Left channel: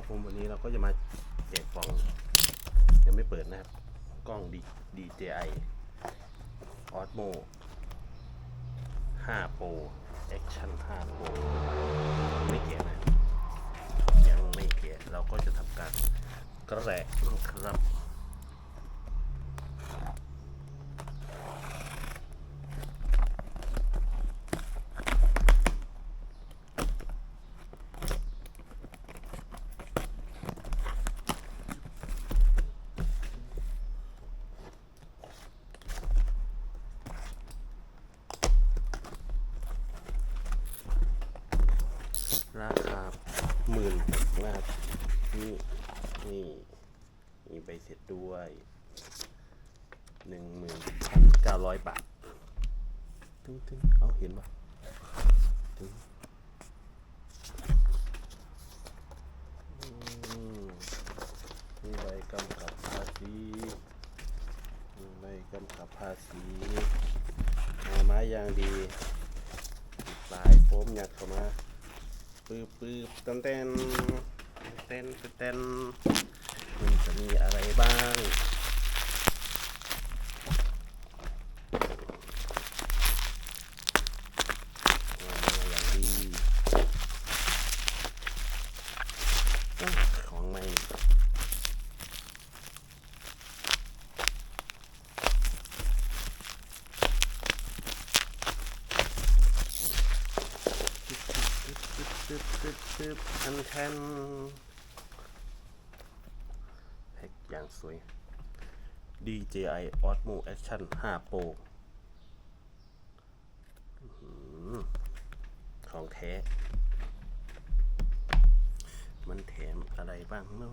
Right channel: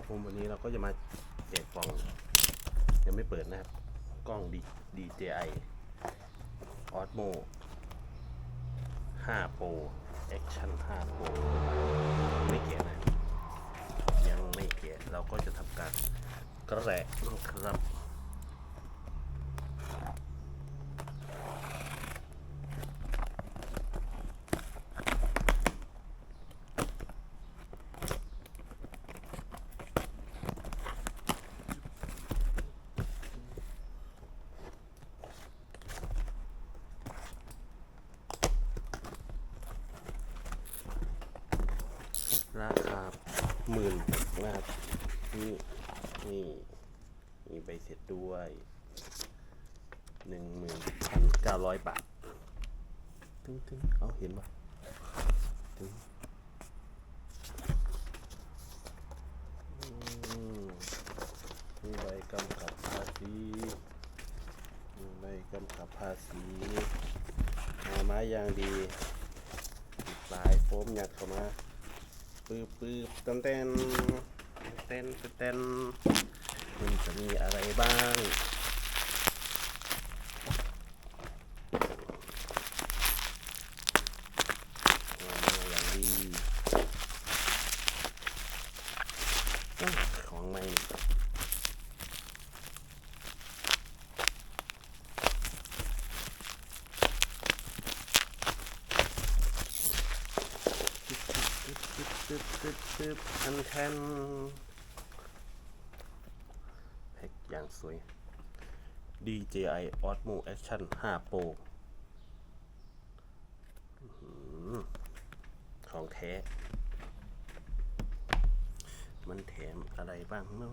ครับผมวันนี้เราก็จะมาแจกกล่องยังไม่เปิดนะครับ กล้อง DJI Osmo 5 Pro Action 5 Pro ไม่เกียนะ ยังไม่เกียเราก็จะทำการกระแรกครับ เสร็จด้วยหนึ่งหมื่นเก้าร้อยบาทตึงตึงเอาเห็นปะตึงมีใบกำกับภาษีมีใบกำกับภาษีหาไม้ยางดีลายโฟมหยัดเข้ามาปื๊บปื๊บเต้นเต้นเต้นเต้น คุณจะมีอะไรบ้างอะไรอย่างดีของใหม่คันแทน อย่างสวย DJI Osmo Action 5 Pro ของแท้ มันแถมอะไรบ้างเนาะ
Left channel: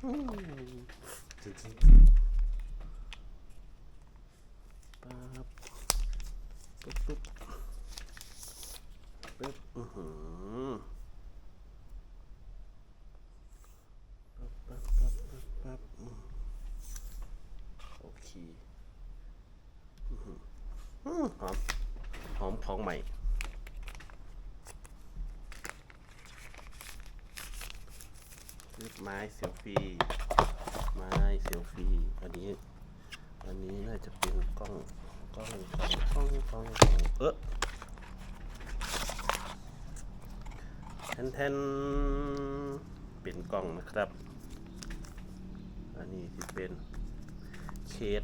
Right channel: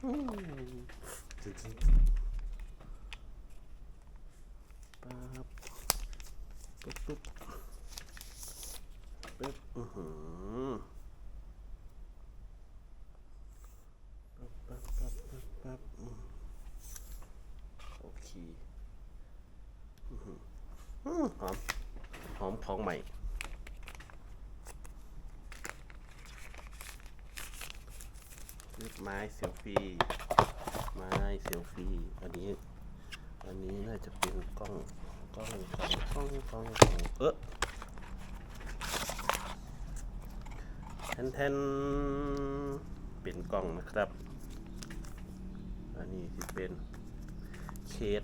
ปั๊บปุ๊บปุ๊บปุ๊บอือหือปั๊บปั๊บปั๊บปั๊บปั๊บอืมโอเคอือหืออืมหอมหอมของใหม่ ซื้อไม้เซลฟี่ไม้เซลฟี่อันนี้อันนี้น่าจะเป็นกล้องกล้องกล้องกล้องกล้องกล้องเออแทนแทนเป็นกล้องนะครับ อันนี้ที่เป็นเคส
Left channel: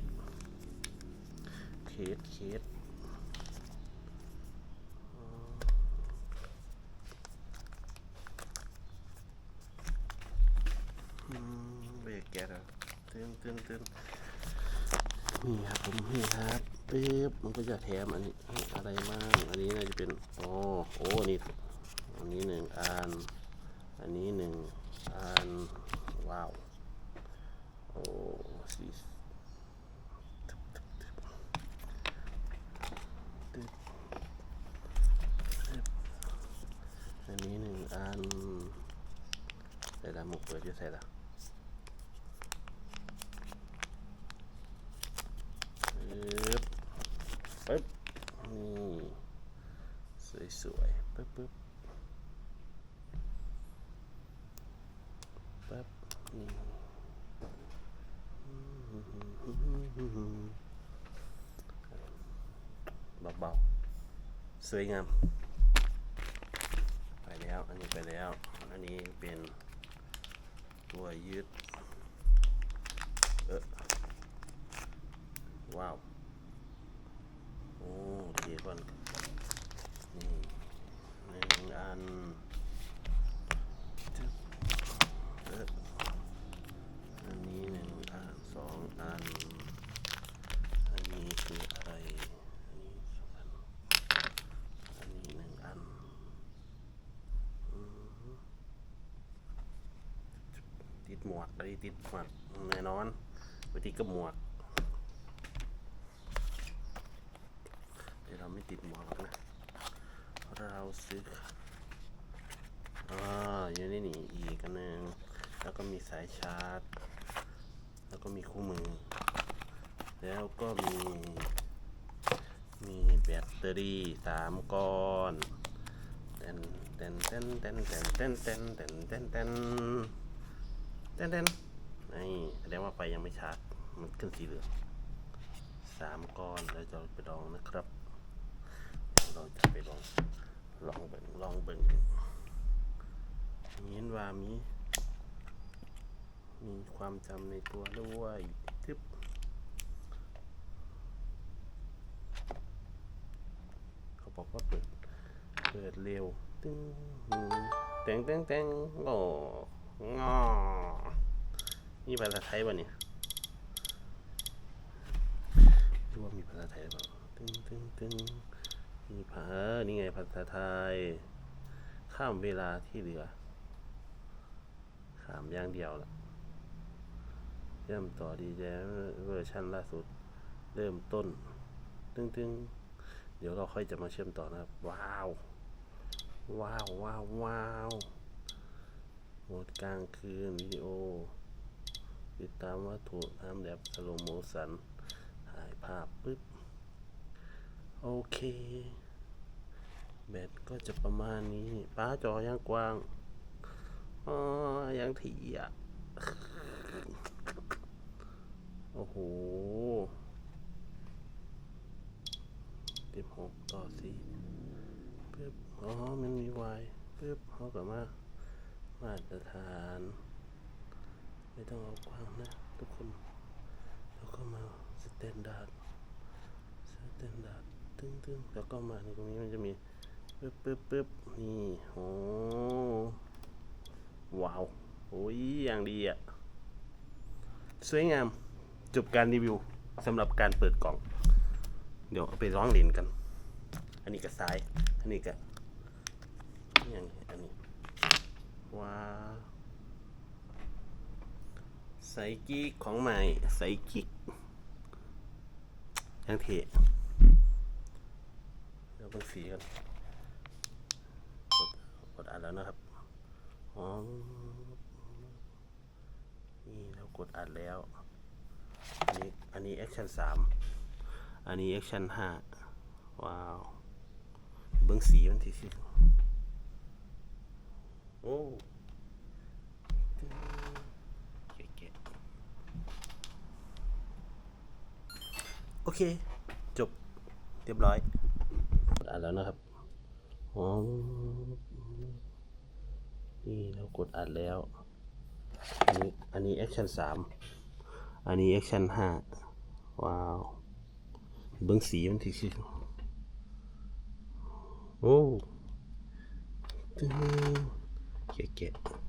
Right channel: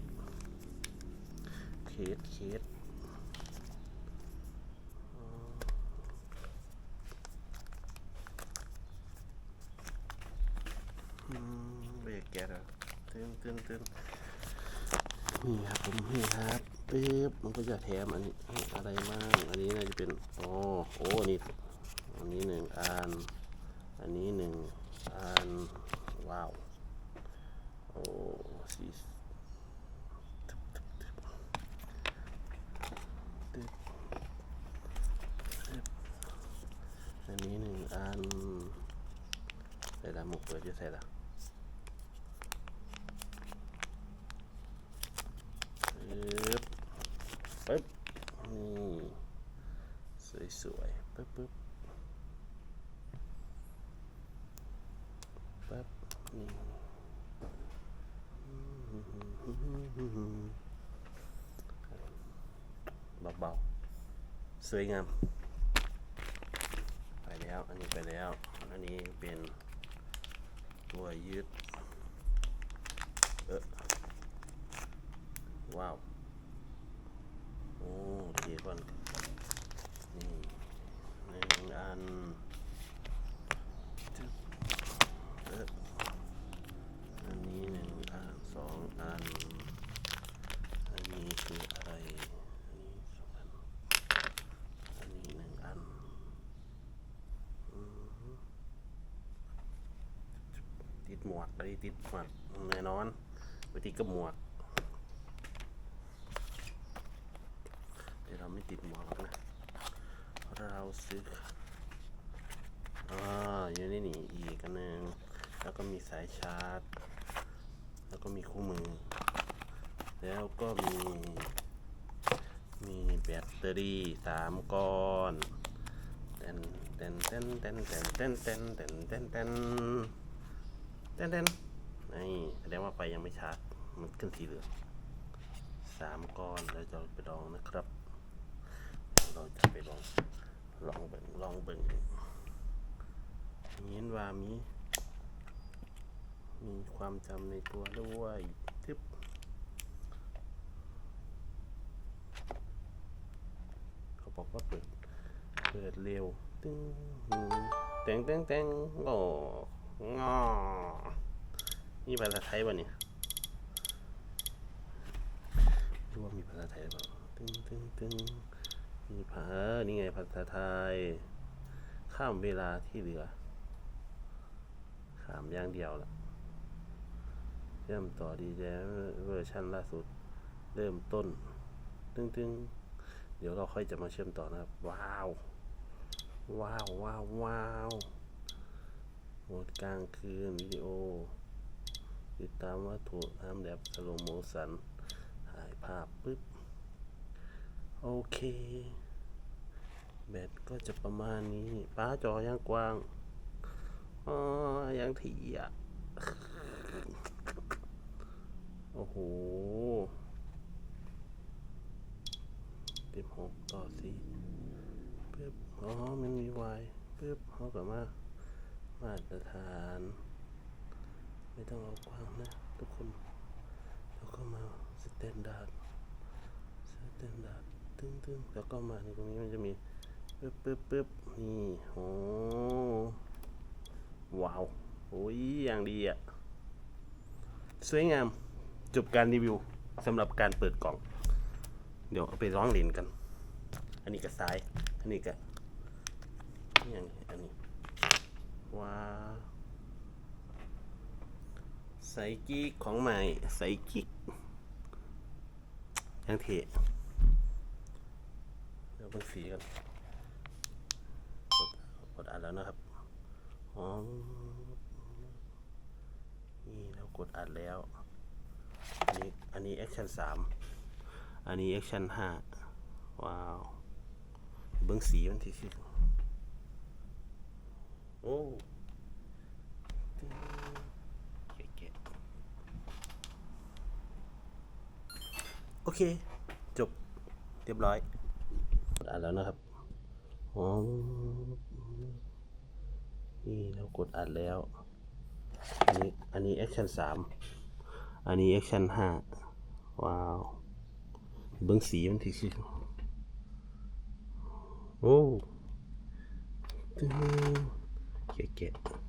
เคสเคสอ๋ออืม เบรกแกแล้วตึนตึนตึนนี่ครับผมนี่ครับปึ๊บมันก็จะแถมอันนี้อะไรมั่งอันนี้น่าจะเป็นอ๋อโอ้นี่อันนี้หนึ่งอันอันนี้หนึ่งอันว้าวโอ้สีอันนี้หนึ่งอันใส่ละหมกเปิดจะใส่ละปึ๊บ ปึ๊บนี่สวยๆปึ๊บปึ๊บปึ๊บนี่เบาๆสวยงาม ไปแล้ว อันนี้ไปแล้ว อันนี้เป็นตัวยืด เออว้าว ก่อนี่หนึ่งอันอันนี้หนึ่งอันสองอัน อันนี้คืออะไรอันนี้หนึ่งอันติดหมวกได้ติดหมวกแน่นอนไปติดกับหมวก เราไม่ติดหมวกหรอกนะ เราซื้ออ่าอยู่นี่นี่อีกอันหนึ่งแล้วก็มีสายชาร์จ แล้วก็มีคู่มือ แล้วก็มี มีแบตเตอรี่สามก้อนเต้นเต้นเต้นเต้นเต้นเต้นเต้นเต้นเต้นเต้นเต้นเต้นนี่แสดงว่าไฟยังไม่ชาร์จ มันขึ้นสีเหลืองสามก้อนแล้วจะไปลองนะครับ เราจะไปลองลองเบิ่งลองเบิ่งเห็นว่ามี มีความจำในตัวด้วยทึบเขาบอกว่าเปิด เปิดเร็ว ตึ้งแตงแตงแตงโอ้งอนี่ภาษาไทยวะเนี่ยดูว่ามีภาษาไทยหรือเปล่าตึ้งตึ้งตึ้ง มีภานี่ไงภาษาไทย ข้ามเวลาที่เหลือ ข้ามอย่างเดียวละเริ่มต่อดีแจเวอร์ชันล่าสุด เริ่มต้น ตึ้งตึ้งเดี๋ยวเราค่อยจะมาเชื่อมต่อนะครับ ว้าว ว้าวว้าวว้าวโหมดกลางคืนวิดีโอ ติดตามวัตถุทำแบบสโลโมสันถ่ายภาพปึ๊บ โอเค แบตก็จะประมาณนี้ ป้าจอยังกว้างอ๋อยังถี่อะ โอ้โหสิบหกต่อสี่ปึ๊บอ๋อ มันมีวายปึ๊บเขากลับมามาตรฐาน ไม่ต้องเอากว้างนะ ทุกคน แล้วก็มาสแตนดาร์ดสแตนดาร์ด ตึ้งแล้วก็มาในตรงนี้มันจะมีปึ๊บปึ๊บปึ๊บนี่โอ้ว้าวโอ้ยอย่างดีอะ สวยงามจบการรีวิวสำหรับการเปิดกล่อง เดี๋ยวเอาไปร้องเล่นกัน อันนี้ก็ซ้าย อันนี้ก็นี่อย่างนี้อันนี้ว้าใส่กิ๊กของใหม่ใส่กิ๊กยังเท พิ่งสีกันกดกดอัดแล้วนะครับอ๋อนี่เรากดอัดแล้ว อันนี้อันนี้แอคชั่นสามอันนี้แอคชั่นห้าว้าวเบิ้องสีมันทีสิโอ้โอเค จบ เรียบร้อย แล้วนะครับอ๋อนี่เรากดอัดแล้ว อันนี้อันนี้แอคชั่นสามอันนี้แอคชั่นห้าว้าวเบื้องสีมันทีสิโอ้ตึ้งเกะๆ